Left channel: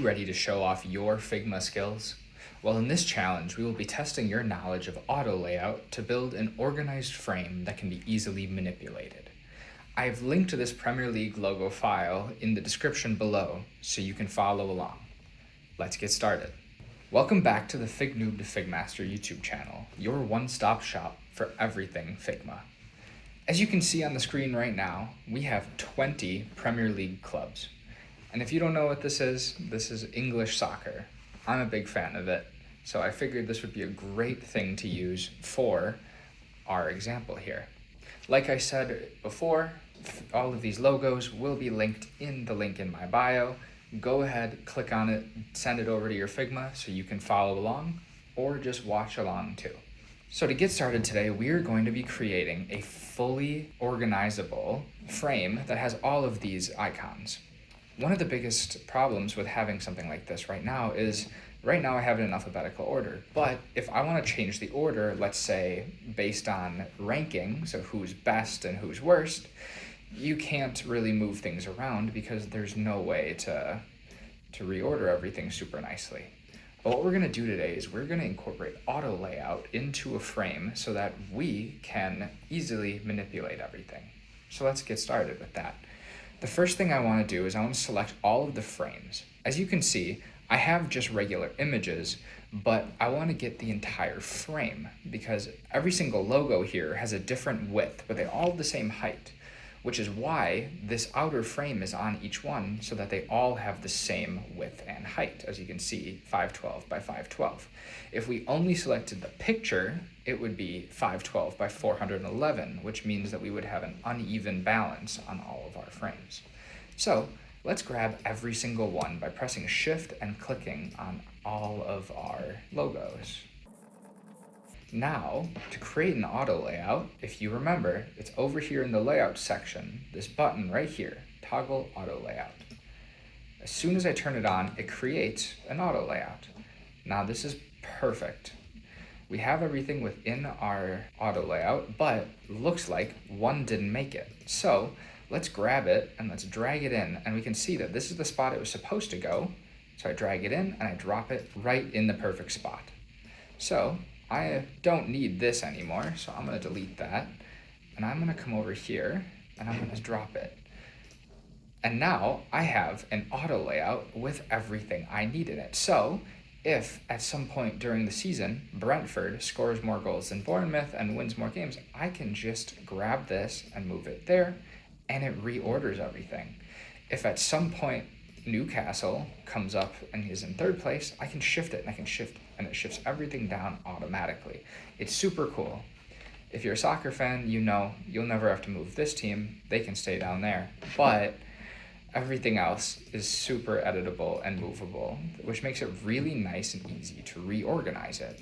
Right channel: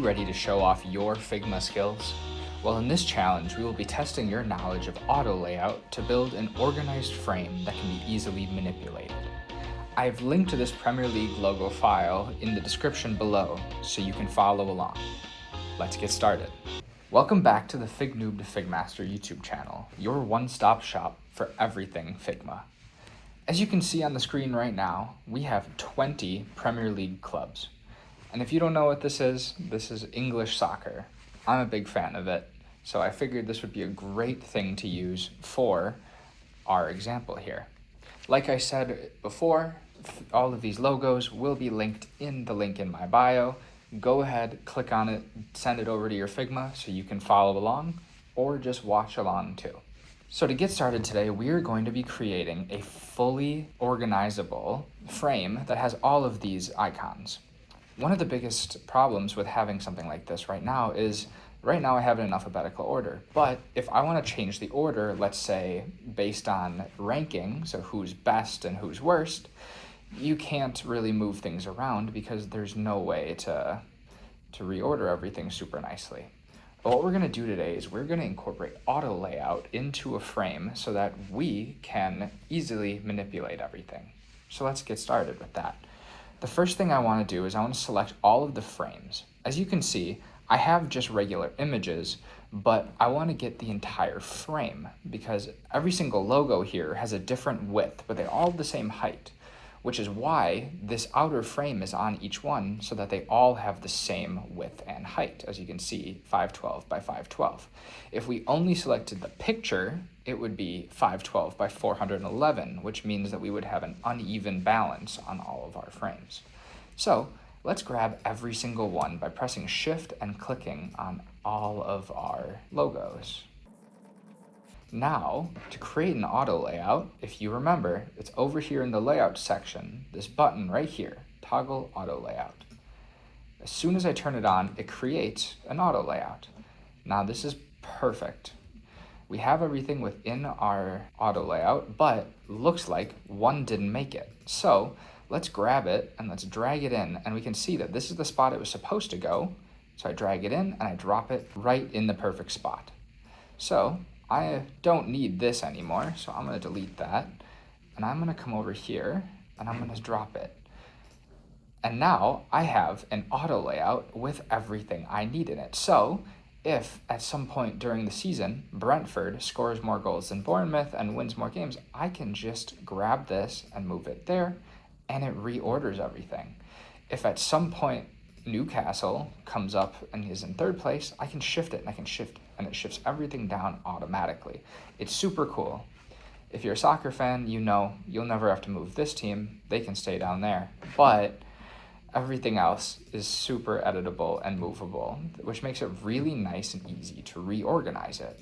Ready to show off your Figma skills? Well, in this challenge, we will be testing your knowledge of auto layout to build an organized frame that can be easily manipulated. I've linked to this Premier League logo file in the description below so you can follow along. Let's get started. Welcome back to the Fignoob to Figmaster YouTube channel, your one-stop shop for everything Figma. As you can see on the screen right now, we have 20 Premier League clubs. And if you don't know what this is English soccer. I'm a big fan of it, so I figured this would be a great thing to use for our example here. Like I said before, all of these logos will be linked in the link in my bio. Go ahead, click on it, send it over to your Figma so you can follow along or just watch along too. So to get started today, we are going to be creating a fully organizable frame that has all of these icons. One of the biggest problems with having something like this right now is, right now I have it in alphabetical order, but if I want to change the order, let's say based on ranking, so who's best and who's worst, you can't really move things around because there's no way to reorder everything super nicely. But what we're going to do today is we're going to incorporate auto layout into a frame so that we can easily manipulate everything. So let's get started with that. The first thing I want to do is I want to select all of the frames. As you can see, I have just regular images, but I want to get the entire frame because every single logo here has a different width, but they all have the same height, which is why this outer frame is on each one so that they all have the same width and height. As you can see, 512 by 512. If we only selected the picture, it would be 512 by 411, which means that we would have an uneven balance on all of our frames. So let's grab every single one by pressing Shift and clicking on all of our logos. Now, to create an auto layout, if you remember, it's over here in the layout section, this button right here, toggle auto layout. As soon as I turn it on, it creates an auto layout. Now this is perfect. We have everything within our auto layout, but looks like one didn't make it. So let's grab it and let's drag it in, and we can see that this is the spot it was supposed to go. So I drag it in and I drop it right in the perfect spot. So I don't need this anymore, so I'm going to delete that, and I'm going to come over here and I'm going to drop it. And now I have an auto layout with everything I need in it. So if at some point during the season Brentford scores more goals than Bournemouth and wins more games, I can just grab this and move it there, and it reorders everything. If at some point Newcastle comes up and is in third place, I can shift it and I can shift, and it shifts everything down automatically. It's super cool. If you're a soccer fan, you know you'll never have to move this team. They can stay down there. But everything else is super editable and movable, which makes it really nice and easy to reorganize it.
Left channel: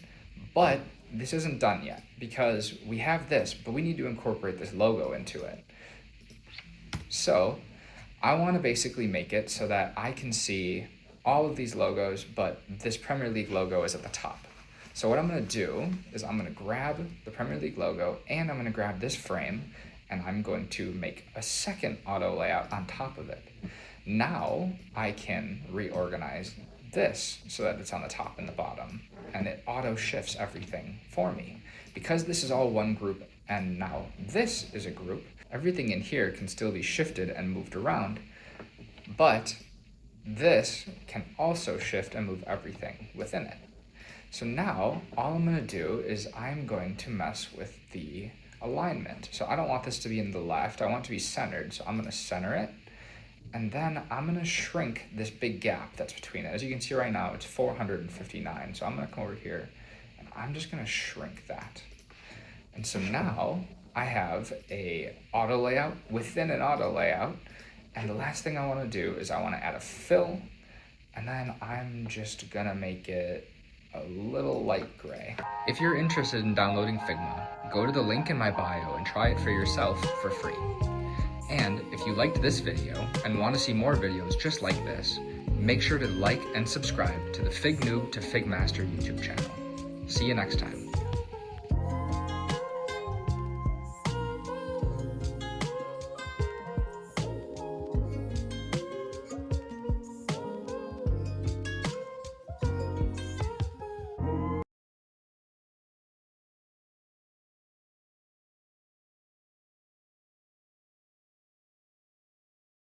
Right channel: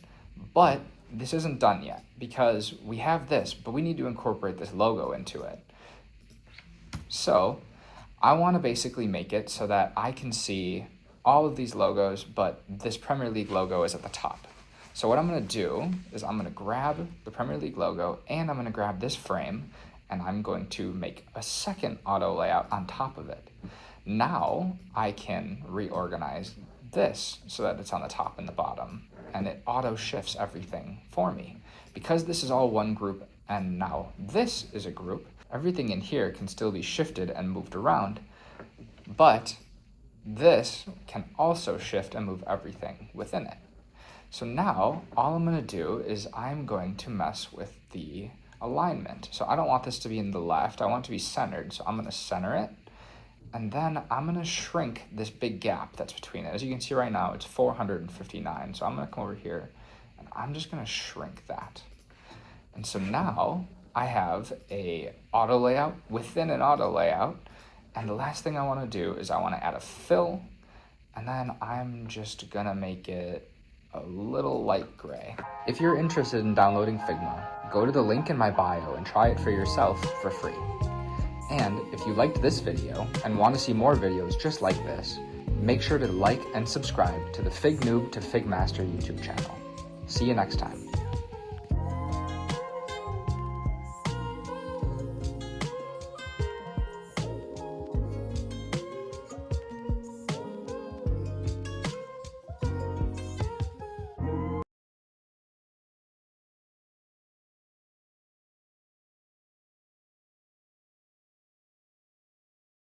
But this isn't done yet because we have this, but we need to incorporate this logo into it. So I want to basically make it so that I can see all of these logos, but this Premier League logo is at the top. So what I'm going to do is I'm going to grab the Premier League logo and I'm going to grab this frame and I'm going to make a second auto layout on top of it. Now I can reorganize this so that it's on the top and the bottom, and it auto shifts everything for me. Because this is all one group and now this is a group, everything in here can still be shifted and moved around, but this can also shift and move everything within it. So now all I'm going to do is I'm going to mess with the alignment. So I don't want this to be in the left, I want it to be centered, so I'm going to center it, and then I'm going to shrink this big gap that's between it. As you can see right now, it's 459, so I'm going to come over here and I'm just going to shrink that. And so now I have a auto layout within an auto layout, and the last thing I want to do is I want to add a fill, and then I'm just gonna make it a little light gray. If you're interested in downloading Figma, go to the link in my bio and try it for yourself for free. And if you liked this video and want to see more videos just like this, make sure to like and subscribe to the Fignoob to Figmaster YouTube channel. See you next time.